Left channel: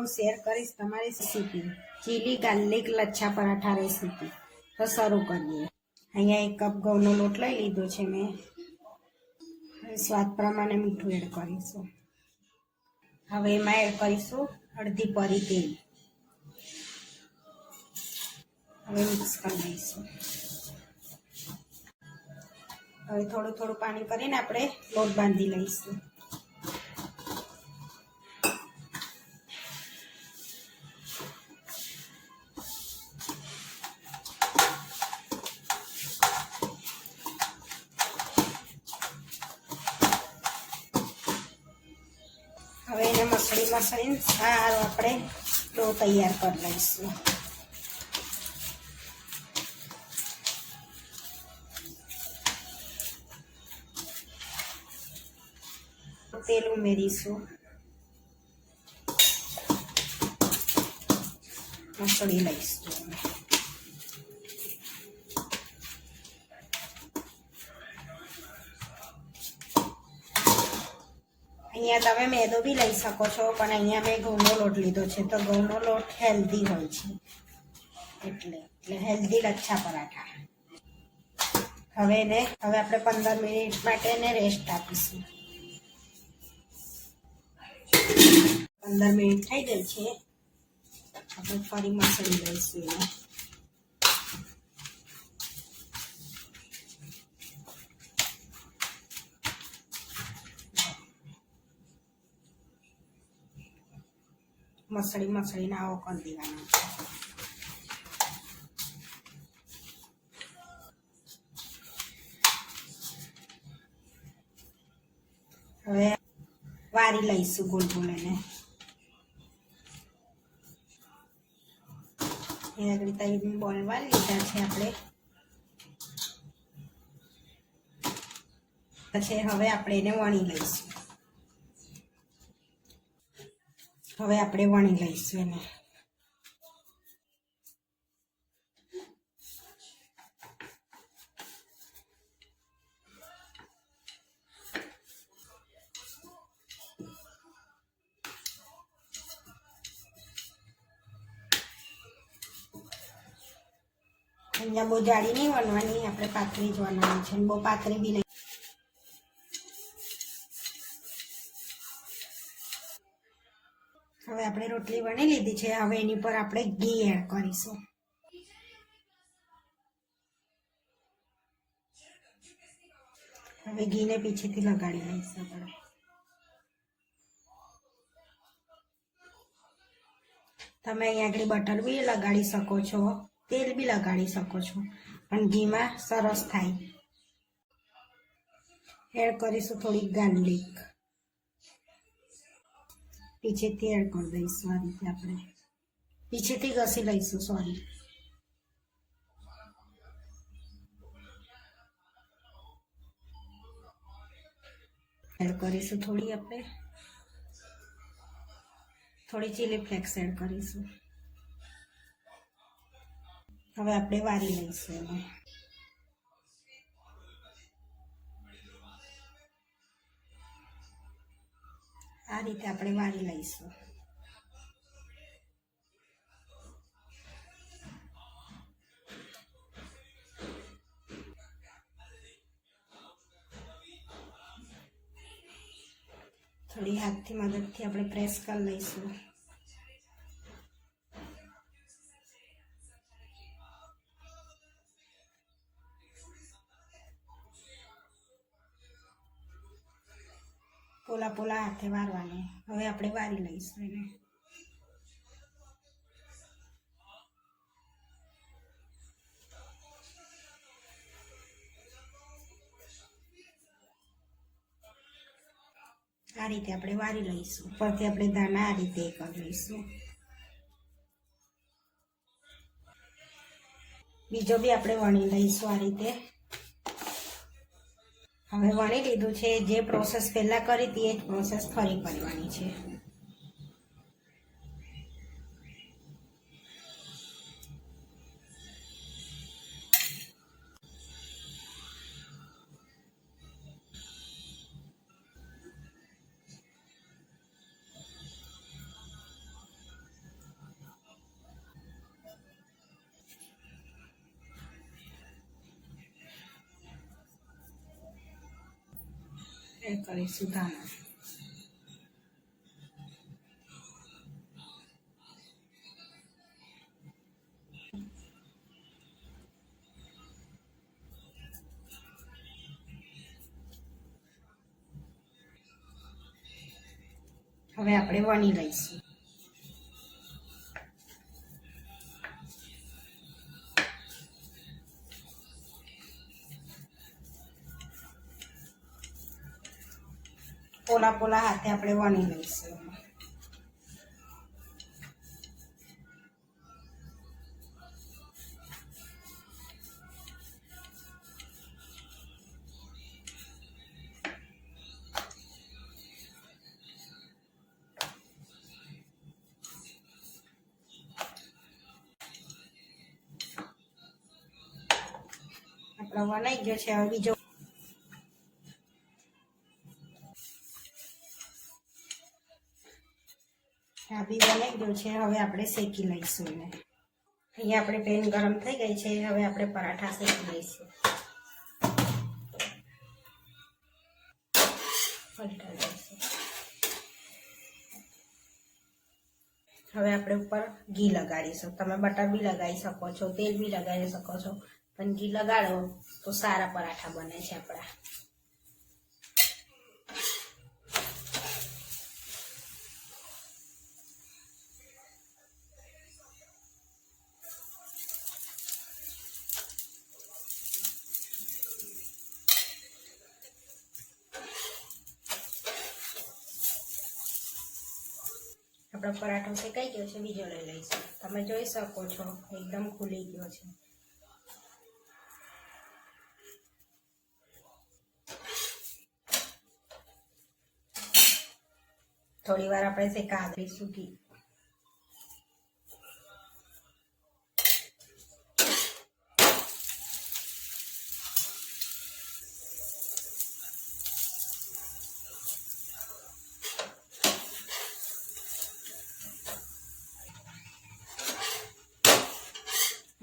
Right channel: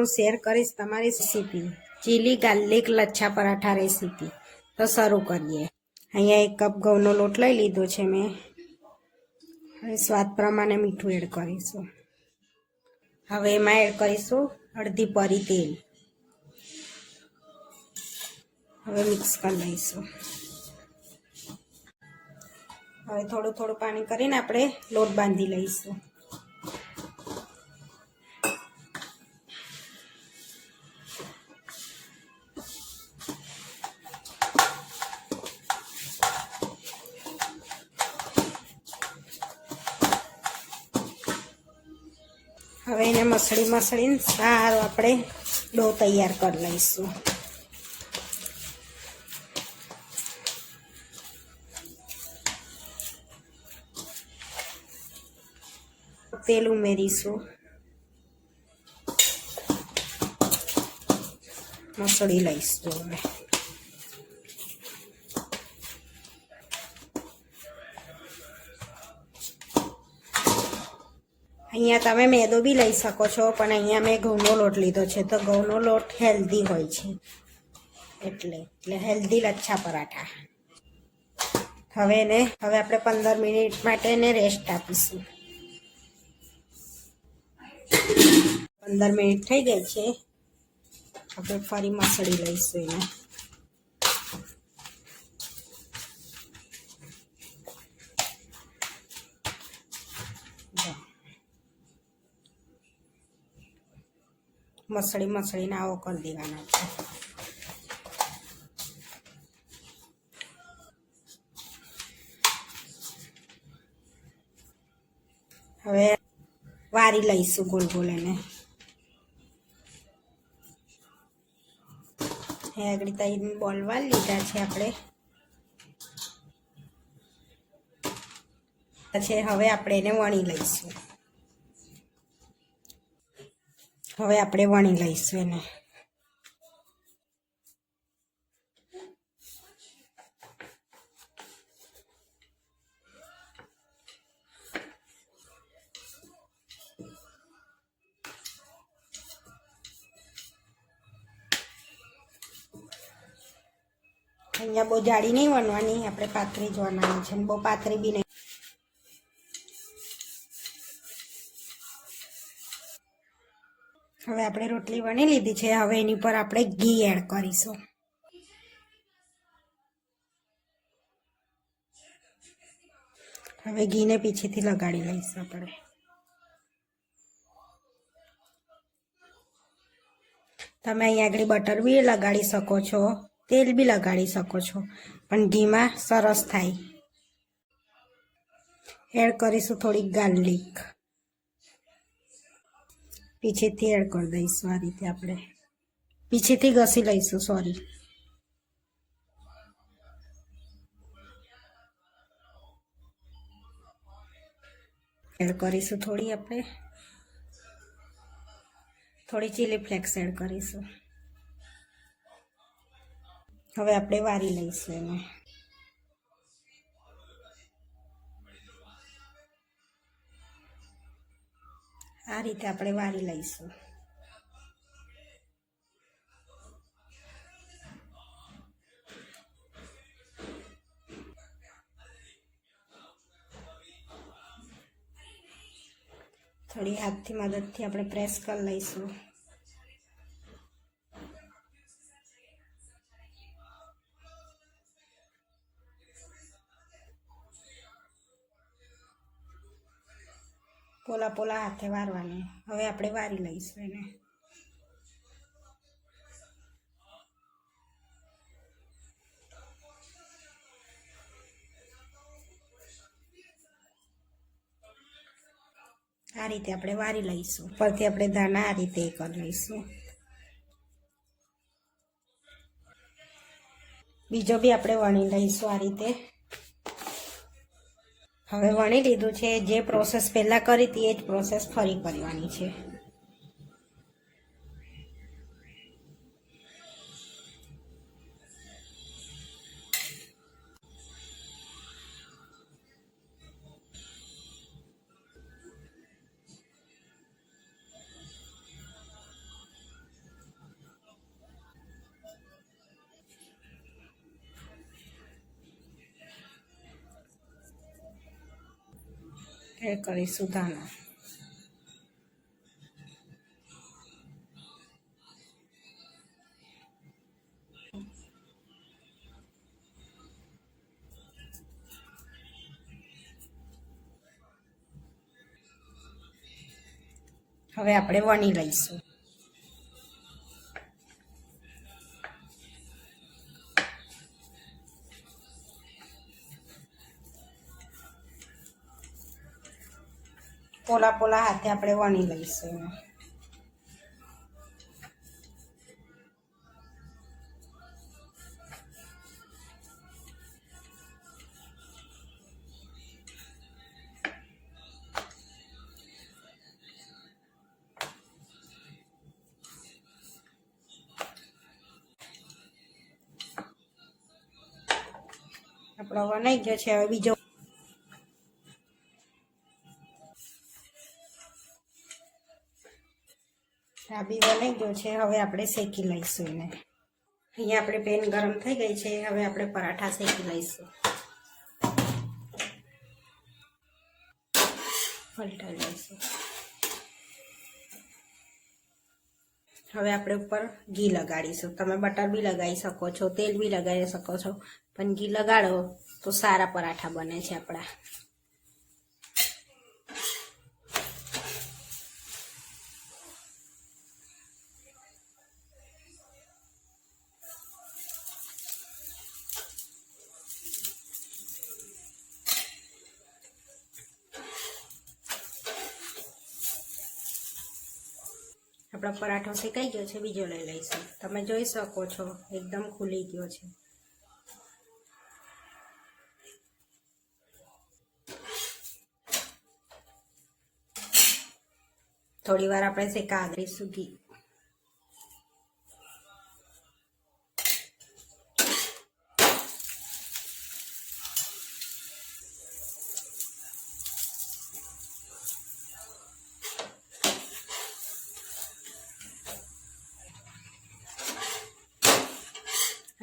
હું શેર કરીશ તમારી recipe. Chilli, garlic, lachha paratha recipe. તો શરૂ કરીએ. અહીંયા એક કપ ઘઉંનો લોટ લઈ લીધો છે મેં. હવે સ્વાદ પ્રમાણે મીઠું એડ કરીશું. હવે એમાં એડ કરીશું અડધી પરી તેલ. હવે મિક્સ કરી લઈશું. હવે થોડું થોડું પાણી કરીને આપણે લોટ બાંધી લઈશું. હવે એને મસળી મસળીને સારું આપણે ડો તૈયાર કરી લઈશું. તેલ ઉમેરીશું. મસળી લઈશું હવે. અહીંયા તમે મેદો બી લઈ શકો છો, પણ અહીંયા મેં ઘઉંનો લોટ લીધો છે, તો ઘઉંનો લોટ હેલ્ધી હોય છે. એટલે એટલે હેલ્ધી લચ્છા પરાઠા. હવે એને, હવે આપણે પંદર મિનિટ માટે એને રેસ્ટ આપીશું. પંદર મિનિટ થઈ ગઈ છે. આપણે ફરી મસળી લઈશું એને. મસળી મસળીને આવો કરી દેવાના છે. હવે વારી લઈશું ગોલ ગોલ એને. આગળ તઈ બોલ વાળી લીધા છે આપણે. પછી હવે આપણે એને વણી લઈશું. હવે આપણે વણી લઈશું એને. અહીંયા બહુ જાડી નહીં વણવાની, આપણે પાતળી જ વણવાની છે. બહુ પાતળી બી નહીં હવે આપણે રોટલી વણી લીધી છે. હવે એની પર આપણે ઘી એડ કરીશું. હવે ઘીને પીછેથી લગાડી લઈશું આપણે. તમે અહીંયા આગળ બટર બી લગાડી શકો છો, તેલ બી લગાડી શકો છો, પણ ઘીમાં સરસ થાય. એડ કરીશું થોડીક ગાર્લિક. પીછેથી એડ કરી દઈશું આ રીતે આપણે. પીછેથી ઘસી લઈશું સોરી એડ કરીશું થોડી આપણે. થોડી ચીલી ફ્લેક્સ એડ કરીશું. હવે આપણે વારી લઈશું એને. આ રીતે આપણે વાળી લઈશું. થોડી હાથથી મદદથી આપણે પ્રેસ કરી લઈશું. પોલા પોલા હાથે વારવાની. હવે આપણે વારી લઈશું એને. આ રીતે આપણે વારી લઈશું. પરથી આપણે દાણા આ રીતે કરી લઈશું. બીજો બી આપણે વણી લઈશું આ રીતે. હવે વણી લીધું છે. જે પ્રોસેસ પહેલાં કરી હતી એ જ પ્રોસેસ ફરી કરવાની છે. એ કરીશું ધાણા. હવે આપણે વણી લઈશું. પોલા પોલા હાથે આપણે વણી લઈશું. આપણો વણાઈ ગયો છે હવે બીજો બી બનાવી ગયો છે. હવે આપણે શેકી લઈશું એને. અહીંયા આપણે પેન ગરમ થઈ ગઈ છે. હવે આપણે પરાઠા શેકી લઈશું. લઈશું. હવે આપણે ઉપર ઘી લગાડીશું. તમે બટર બી લગાવી શકો છો, તેલ બી લગાવી શકો છો. પણ ઘી લગાડો તો સારા પરાઠા બને છે આપણા. આપણો પરાઠો શેકાઈ ગયો છે, બીજો લઈ લઈશું. તમે જોઈ શકો છો, એકદમ ખુલી ગયો છે. થોડી વાર આપણે શેકા દઈશું ઘી.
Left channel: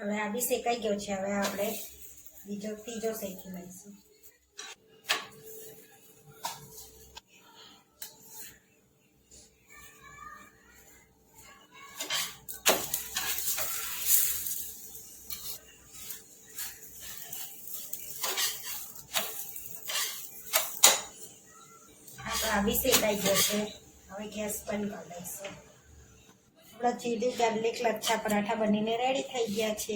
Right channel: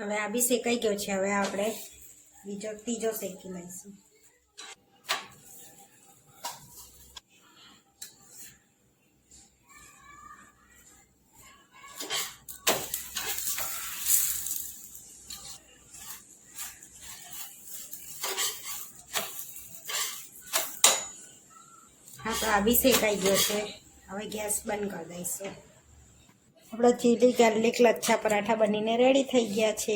હવે આ બી શેકાઈ ગયો છે. હવે આપણે બીજો, ત્રીજો શેકી લઈશું. હા, તો આ બી શેકાઈ ગયો છે. હવે ગેસ બંધ કરી દઈશું. આપણા ચીલી ગાર્લિક લચ્છા પરાઠા બનીને રેડી થઈ ગયા છે.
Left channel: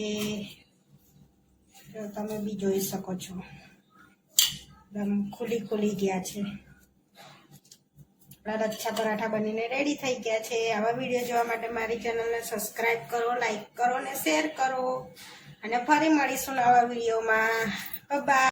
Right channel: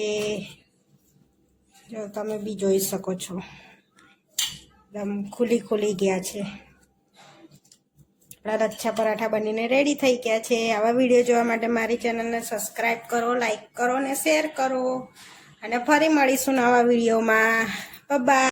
તમે બી જોઈ શકો છો. એકદમ ખુલી ખુલી ગયા છે. આપણા લચ્છા પરાઠા બનીને રેડી થઈ ગયા છે. આવા વીડિયો જોવા માટે મારી ચેનલને સબસ્ક્રાઈબ કરો લાઈક કરો અને શેર કરો. અને ફરી મળીશું નવા વિડીયોમાં બાય